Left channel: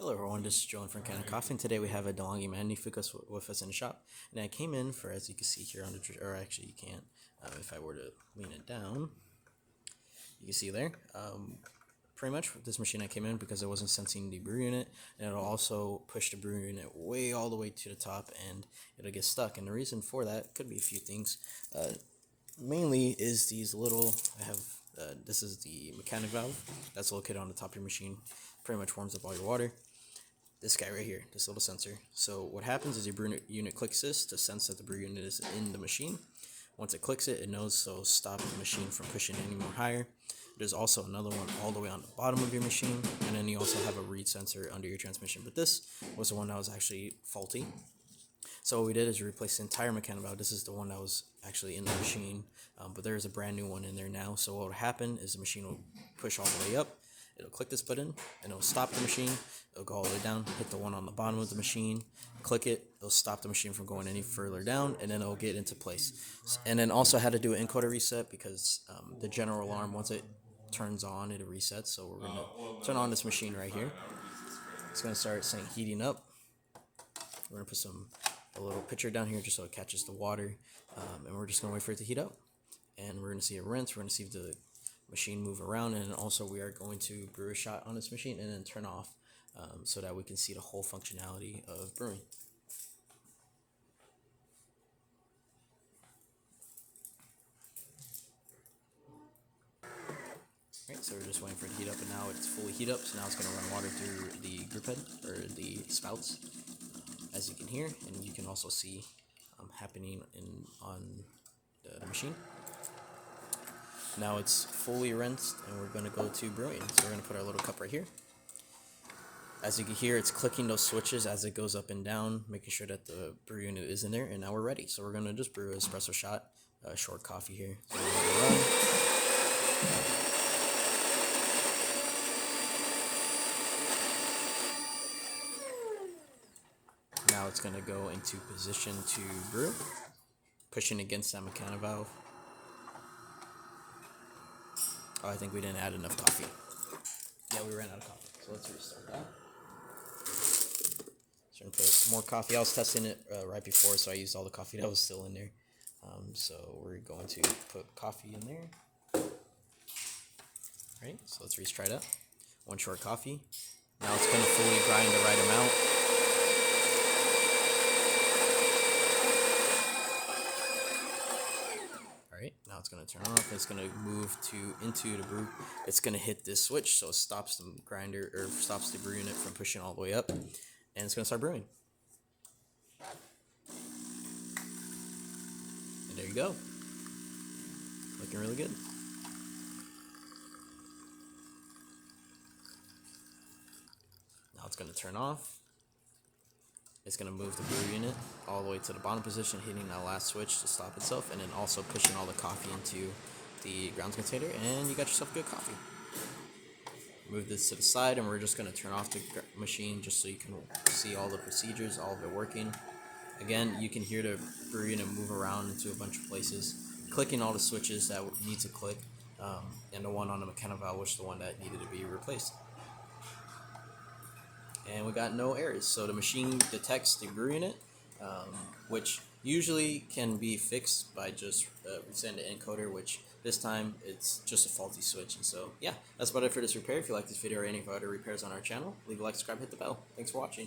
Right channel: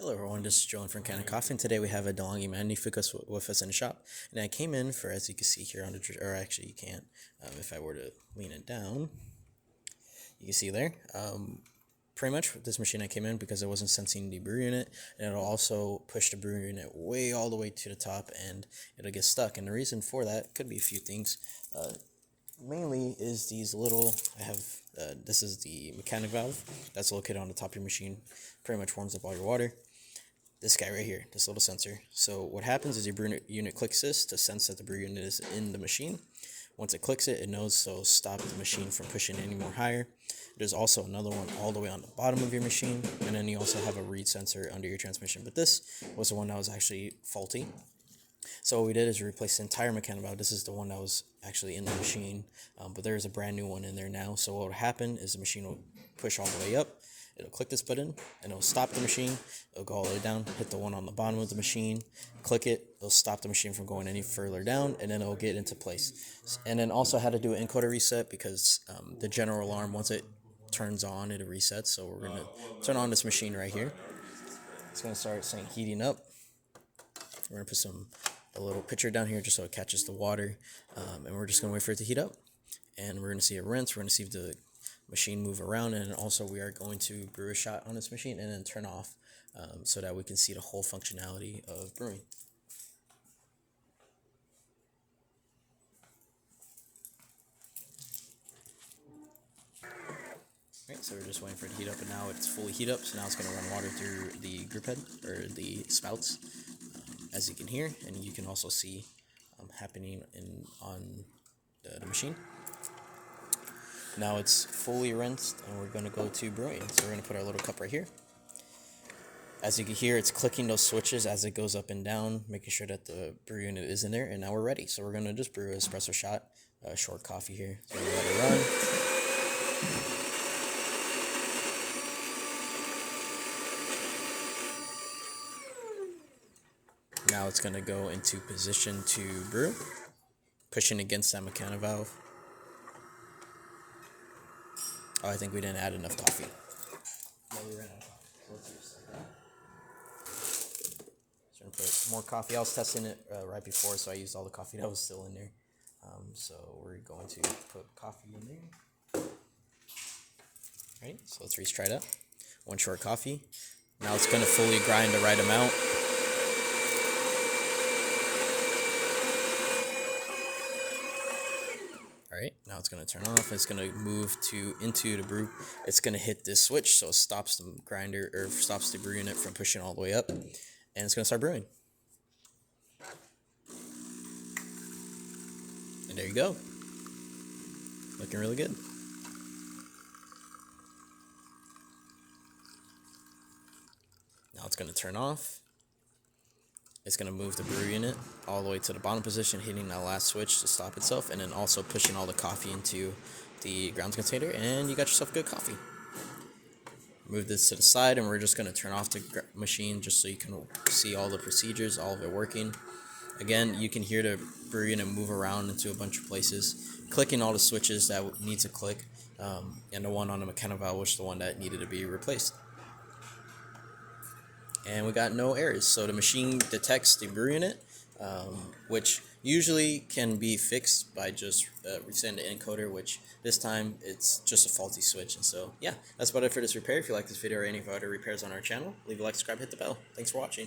Hello everyone, this is Joe from Kanen, and today we have a DeLonghi Magnifica with us in the shop. And I came in for, as you can see here on the, or actually you can't, if I were to lean it down, you can see there. Pretty much this machine I came in because it wasn't sensing the brew unit, and it'll also push the brew unit way all the way to the top, and it'll get stuck. And the reason for that could be a few things. Mainly is these little, this is the mechanic valve that's located on the top of your machine. Pretty much warms up all your water. This guy right here, this little sensor. So what happens is your brew unit clicks this to sense that the brew unit is in the machine. Once it clicks it, it knows, so stop the machine from pushing any more higher. There's also another one all the way on the bottom of your machine, and then you also have a read sensor under your transmission. But this was the one that was actually faulty. So what we did is we replaced the entire mechanic valve. This is the one that was actually in the machine, but there is a brand new one in there now. So what will happen is the machine will push all the way up. It'll click this button, and it'll stop the machine. It'll go all the way down, hit the one on the bottom of the machine, click it. It'll stop the machine from going any further down, and then it'll get into place. And then also had to do an encoder reset because the general alarm, once it turns on, it resets. So we're going to turn on this machine right here. It's going to start saying heating up. We're going to put a little pitcher down here just so it catches the water, and we're just going to wait for it to heat up. And we're going to see it rinse. We're going to see the machine move around, and also we are going to brew a shot on this machine and then turn off so that we can see the whole functionality of brewing. Alright, so we're just waiting for it to heat up, and now it's fully heat up, so now it's going to run water through the group head, or the spouts, as you can hear, and you can also see happening on the machine. Now it's fully rinsed, and we're going to go to brewing. So we're going to put our little cup right here. As you can hear, it's clicking those switches as it goes up and down, making sure that the brew unit is in there, and now we're ready. So we're going to just brew an espresso shot, short coffee here. So we're let it run. Now it's going to go into position to brew, pushing against that mechanic valve. Oh, I think we didn't add enough coffee. Yeah, we ran out of coffee, so let's restart that. So I'm going to put more coffee. I was testing it right before, so I used all the coffee that was still in there. So we're going to put coffee in there. Right, so let's retry that. One short coffee. Now it's going to fully grind the right amount. Alright, now it's going to turn off. It's going to move into the brew. It's going to hit this switch, so it stops the grinder, or stops the brew unit from pushing all the way up. And it's going to start brewing. And there you go. Looking really good. Now it's going to turn off. It's going to move the brew unit all the way to the bottom position, hitting that last switch to stop itself, and then also pushing all the coffee into the grounds container, and you got yourself good coffee. Move this to the side, and we're just going to turn off the machine just so you can see all the procedures, all of it working. Again, you can hear the brew unit move around into a bunch of places, clicking all the switches that need to click, and the one on the mechanic valve was the one that needed to be replaced. And we got no errors. So the machine detects the brew unit, which usually can be fixed by just resetting the encoder, which this time it's just a faulty switch. And so, yeah, that's about it for this repair. If you like this video or any of our other repairs on our channel, leave a like, subscribe, hit the bell. Thanks for watching.